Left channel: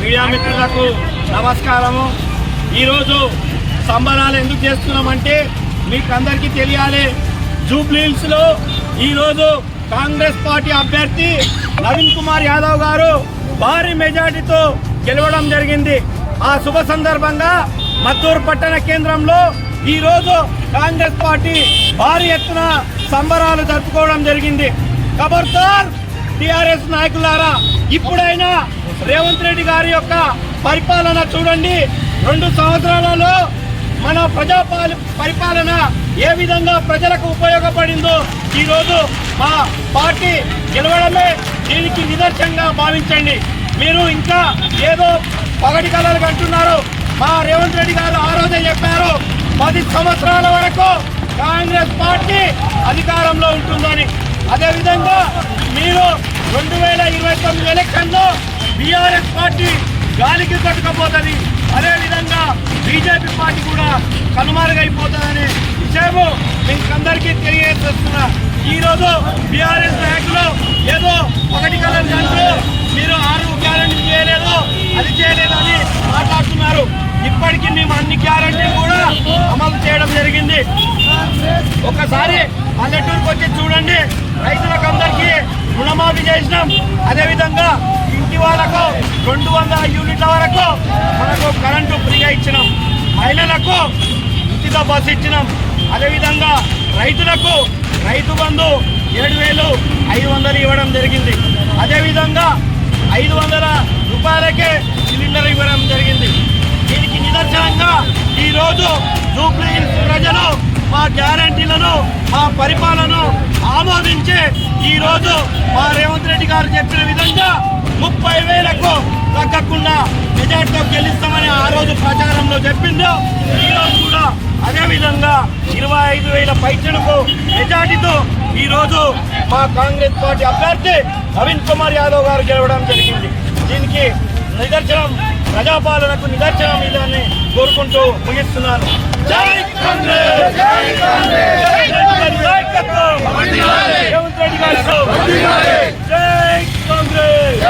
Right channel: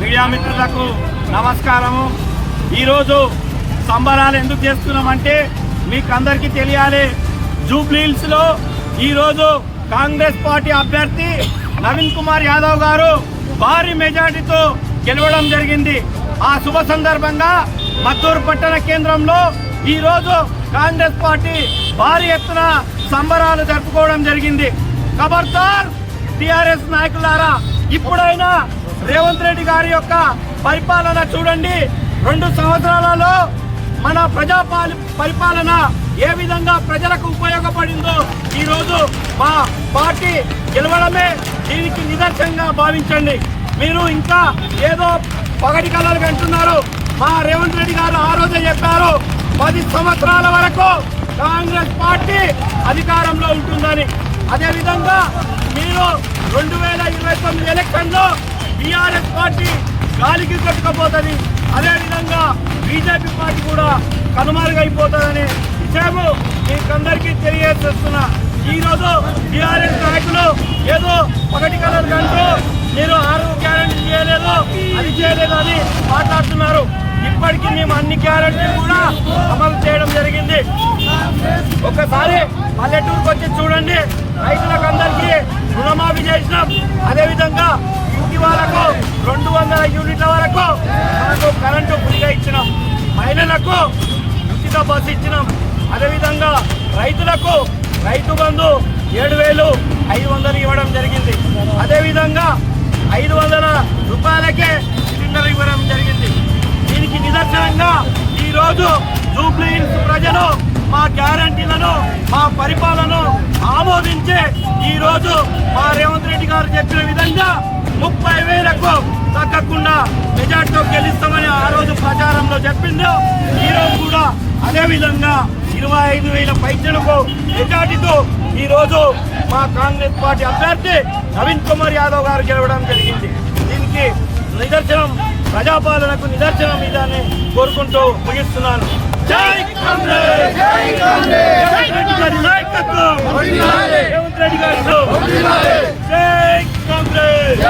Media మిత్రులకు నమస్కారము. ఈరోజు సంబరాలు ఎందుకు చేస్తున్నామంటే మీకు అందరికీ తెలియాలి జూబ్లీహిల్స్లో ఈరోజు కాంగ్రెస్ పార్టీ అభ్యర్థి నవీన్ కుమార్ యాదవ్ గారు భారీ మెజార్టీతో గెలవడం జరిగింది. ఆ శుభ సందర్భంగా మద్దూరు పట్టణ కేంద్రంలో ఈరోజు కాంగ్రెస్ పార్టీ భారీ ఎత్తున సంబరాలు జరుపుకోవడం జరిగింది. ఖబర్దార్ టిఆర్ఎస్ నాయకులారా ఇప్పుడైనా రేవంత్ రెడ్డి గారి యొక్క పరిపాలన చూడండి. రెండు సంవత్సరాలలో మన ప్రజా పరిపాలన ఏ విధంగా ప్రజలకు ఉపయోగపడిందో ఈరోజు మా పార్టీ గెలవడమే దీనికి నిదర్శనంగా భావించండి. మీరు ఇంకా ఏదో పగటి కళలు అంటున్నారు మా రేవంత్ రెడ్డి గారు ఆ రోజే చెప్పారు పది సంవత్సరాల వరకు కాంగ్రెస్ పార్టీ అధికారంలో ఉంటుందని. అదేవిధంగా మీరు రెండు వేల ఇరవై తొమ్మిది ఎలక్షన్లో బీఆర్ఎస్ పార్టీ గాలికి కొట్టుకపోతుంది. అదేవిధంగా బీజేపీ పార్టీ కూడా కనుమరుగైపోతుందనే విషయము మీకందరికీ తెలియజేస్తున్నా. ఈరోజు బీఆర్ఎస్ నాయకులు ఏదో ఒకటి కలర్ దాంట్లో మీరు ఆరు గ్యారంటీ చేయలేదు అది చేయలేదు అని మాట్లాడుతున్నారు. ఇప్పటికీ మేము అన్ని గ్యారంటీలు కూడా అమలు చేయడం జరిగింది. ఒకసారి పల్లెటూరుకు వచ్చి చూడండి. రైతులకు అందరికీ రుణమాఫీ చేసినాం. అదేవిధంగా ఇంటి వాళ్ళకు రెండు వందల యూనిట్ల వరకు మనకు కరెంటు ఫ్రీగా ఇచ్చినాం. మహిళలకు ఉచిత బస్సు ఇచ్చినాం. అదేవిధంగా రైతులకు రైతు బంధు ఏడు వేలు ఐదు వందలు ఇవ్వడం జరిగింది. అదేవిధంగా ఐదు వందల రూపాయలకే సిలిండర్ ఇవ్వడం జరిగింది. గ్యారంటీలను మా పరిపాలనను ఆమోదించి ఈరోజు మా రేవంత్ రెడ్డి గారు చెప్పిన విధంగా ముప్పై వేలకు తగ్గకుండా మెజార్టీతో గెలుస్తామని ఆ రోజు ప్రచారంలో చెప్పిందో ఈరోజు కూడా అదే విధంగా ఇరవై ఐదు వేల పైచలకు మెజార్టీతో ఈరోజు మా కాంగ్రెస్ పార్టీ అభ్యర్థి నవీన్ కుమార్ యాదవ్ గారు గెలవడం జరిగింది. దీనికి నిదర్శనం ప్రజాపాలనకు నిదర్శనం ఇదని కోరుకుంటూ ముగిస్తున్నాను. జై కాంగ్రెస్! జై రెడ్డి నాయకత్వం రేవంత్ రెడ్డి గారి జై కాంగ్రెస్!